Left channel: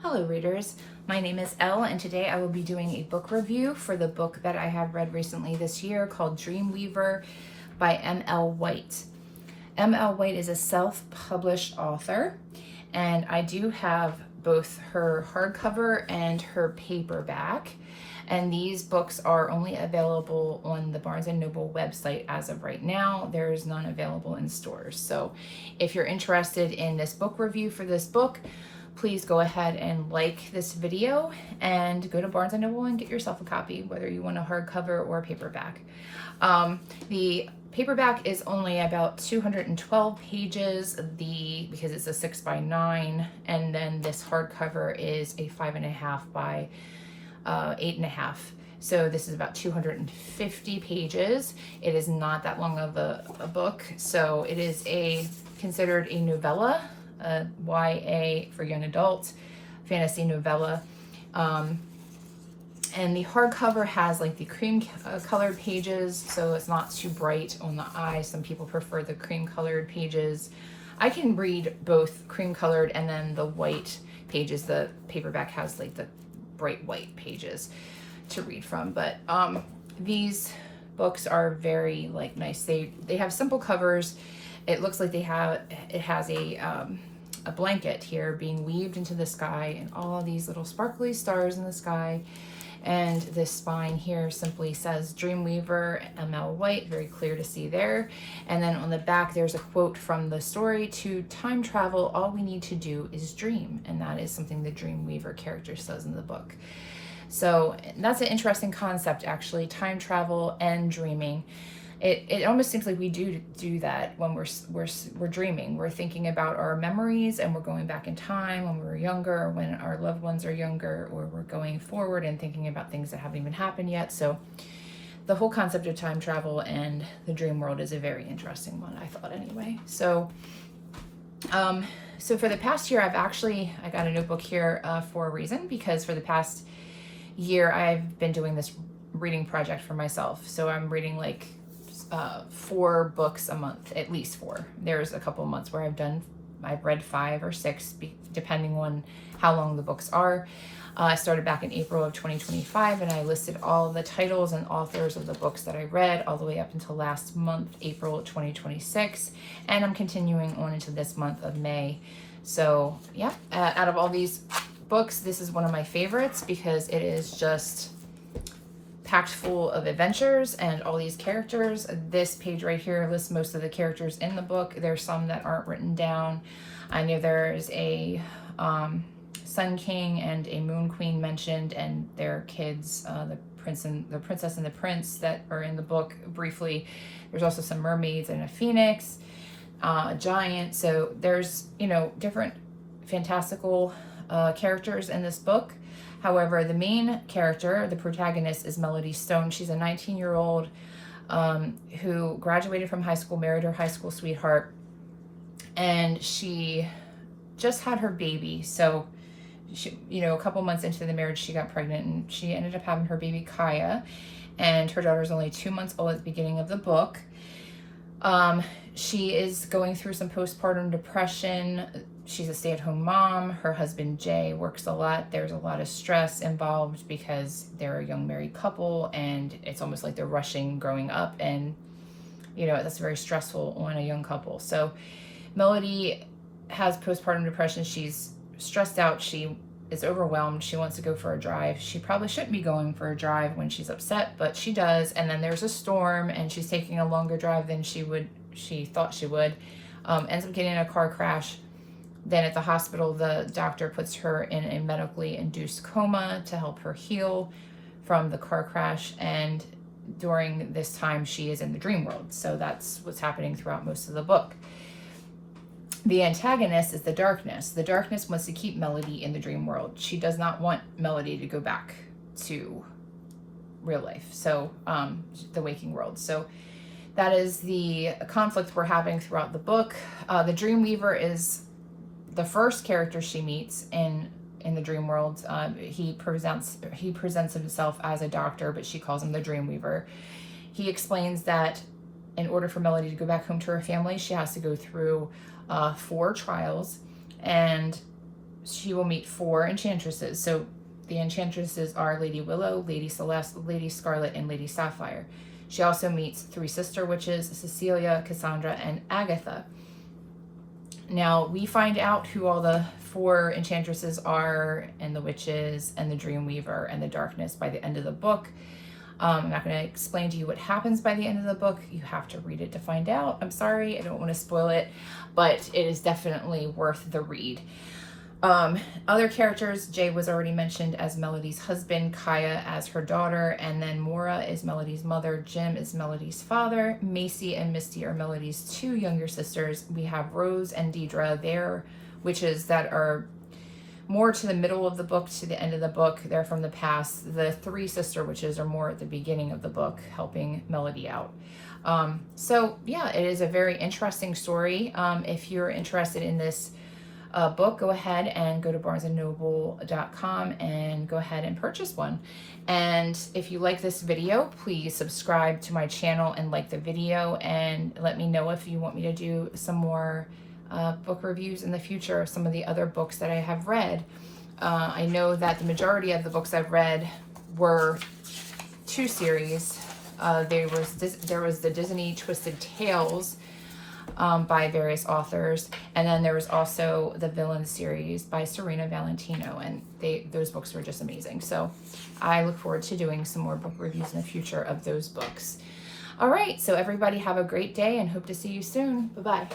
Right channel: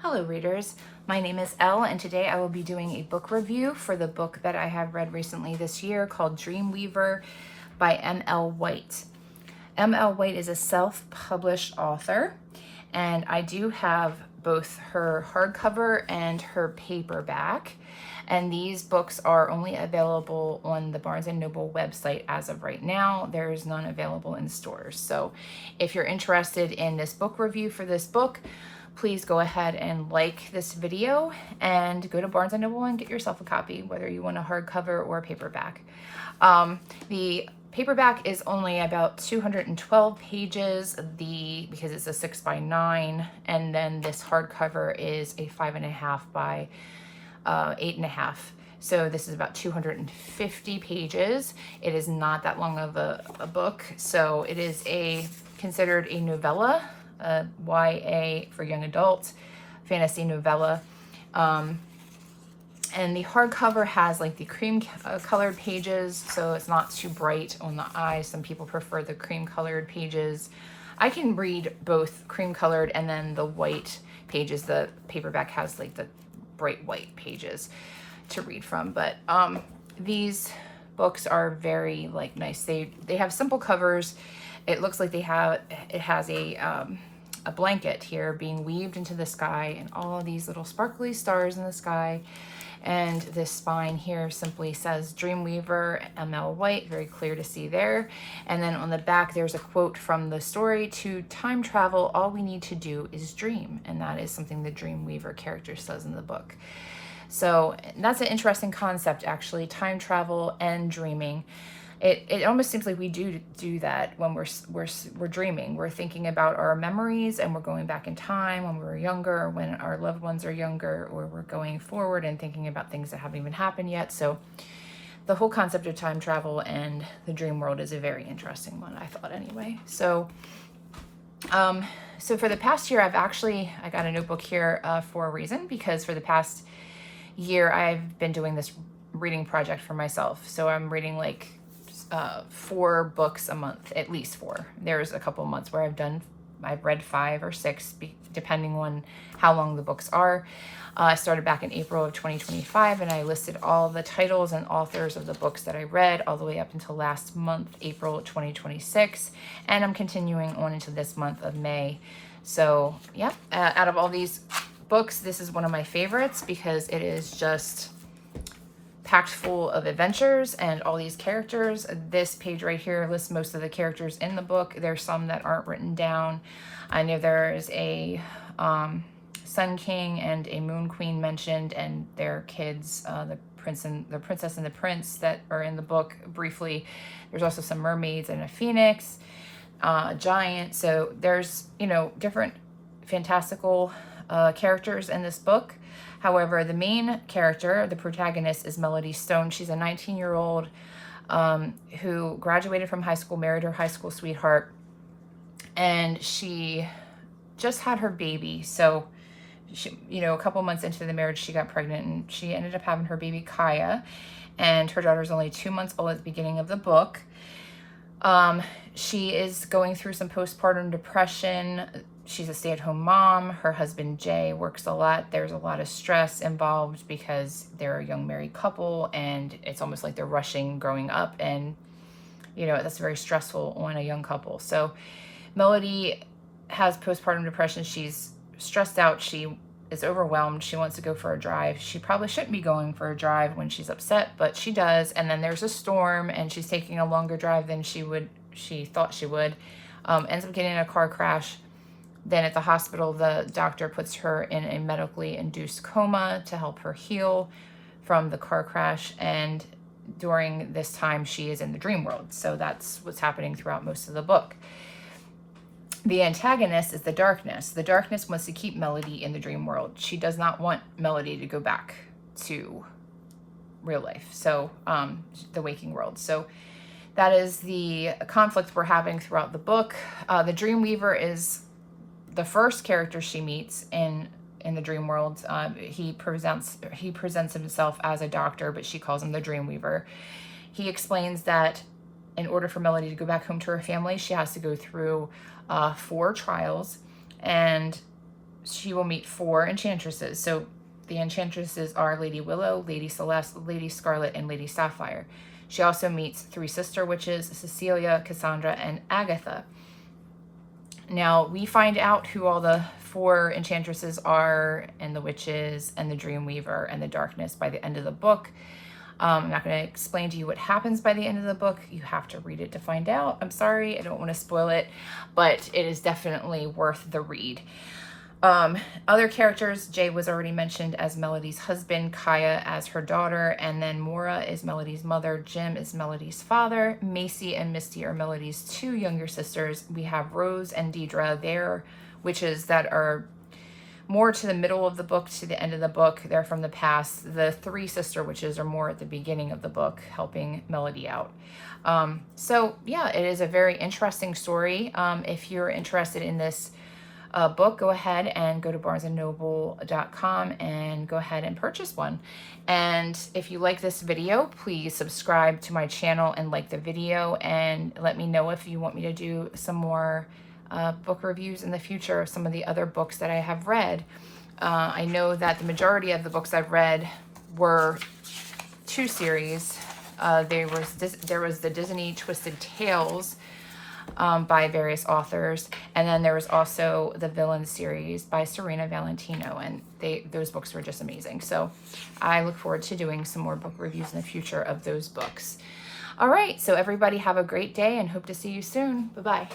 Hello readers, my name is Elle and today I will be doing a book review for the book that I have read recently this year called Dreamweaver by M.L. White. M.L. White is a self-published author and I do have both her hardcover and her paperback, and these books are only available on the Barnes & Noble website as of right now. There is none available in stores. So if you're interested in this book review for this book, please go ahead and like this video and go to Barnes & Noble and get yourself a copy, whether you want a hardcover or a paperback. The paperback is only about 212 pages, because it's a 6x9, and then this hardcover is a 5.5 by 8.5. So this is about 250 pages. It is not that long of a book. So it is considered a novella, YA for young adults, fantasy novella. And the hardcover has like the cream colored pages, so it's not too bright on the eye. Some people prefer the cream colored pages. I can read both cream colored and then the white pages. The paperback has like the bright white pages to read from, but these books are very nice. They have simple covers. It looks like it has a blanket here being weaved into the sky and all of these little sparkly stars in the sky. And this spine here simply says Dreamweaver, M.L. White, very clear to see there. And then on the back, there's a quote from the story: "To time travel, all we need to do is dream." And that is something the Dreamweaver character says in the book. So that's an interesting concept, actually, time travel and dreaming. It almost seems like we do that when we're dreaming. We're thinking about our memories and we're going back in time when we were younger, when our loved ones are younger, or we're going forward and thinking about things that haven't even happened yet. So the whole concept of time travel and the dream world is a very interesting one, I thought anyway. So for the past year, I got a notebook here for a reason, because for the past year I've been doing this reading project for myself. So I'm reading 4 books a month, at least 4. There's a couple of months where I've read 5 or 6, depending on how long the books are. I started back in April of 2025, and I listed all the titles and authors of the books that I read all the way up until last month, April 2026, and I'm continuing on into this month of May. So yeah, out of all these books, this is one of my favorites because it is just packed full of adventures and all these characters. This page right here lists most of the characters in the book. There's some that aren't written down. I know there's a Sun King and a Moon Queen mentioned, and their kids, the princess and the prince that are in the book briefly. There's also some mermaids and a phoenix, a giant. So there's, different fantastical characters in this book. However, the main character, the protagonist, is Melody Stone. She's a 19-year-old who graduated from high school, married her high school sweetheart, and she just had her baby. So, a couple months into the marriage, she got pregnant, and she ended up having her baby, Kaya, and her daughter's only 2 months old at the beginning of the book. She is going through some postpartum depression. She's a stay-at-home mom. Her husband, Jay, works a lot. There's a lot of stress involved because they're a young married couple, and it's almost like they're rushing growing up, and, that's very stressful on a young couple. So Melody has postpartum depression. She's stressed out. She is overwhelmed. She wants to go for a drive. She probably shouldn't be going for a drive when she's upset, but she does. And then there's a storm, and she's taking a longer drive than she thought she would. Ends up getting in a car crash. Then at the hospital, the doctor puts her in a medically induced coma to help her heal from the car crash. And during this time, she is in the dream world. So that's what's happening throughout most of the book. The antagonist is the darkness. The darkness wants to keep Melody in the dream world. She does not want Melody to go back to real life, so the waking world. So that is the conflict we're having throughout the book. The Dreamweaver is the first character she meets in the dream world. He presents himself as a doctor, but she calls him the Dreamweaver. He explains that in order for Melody to go back home to her family, she has to go through 4 trials, and she will meet 4 enchantresses. So the enchantresses are Lady Willow, Lady Celeste, Lady Scarlet, and Lady Sapphire. She also meets 3 sister witches, Cecilia, Cassandra, and Agatha. Now, we find out who all the 4 enchantresses are, and the witches, and the Dreamweaver, and the darkness by the end of the book. I'm not going to explain to you what happens by the end of the book. You have to read it to find out. I'm sorry, I don't want to spoil it, but it is definitely worth the read. Other characters, Jay was already mentioned as Melody's husband, Kaya as her daughter, and then Mora is Melody's mother, Jim is Melody's father, Macy and Misty are Melody's 2 younger sisters. We have Rose and Deidre, they're witches that are more to the middle of the book, to the end of the book. They're from the past. The 3 sister witches are more at the beginning of the book, helping Melody out. So yeah, it is a very interesting story. If you're interested in this book, go ahead and go to barnesandnoble.com and go ahead and purchase one. And if you like this video, please subscribe to my channel and like the video, and let me know if you want me to do some more book reviews in the future of some of the other books that I have read. I know that the majority of the books I've read were 2 series. There was the Disney Twisted Tales by various authors, and then there was also the Villain series by Serena Valentino, and those books were just amazing. So I look forward to doing some more book reviews in the future of those books. All right, so everybody have a great day and hope to see you soon. Bye-bye.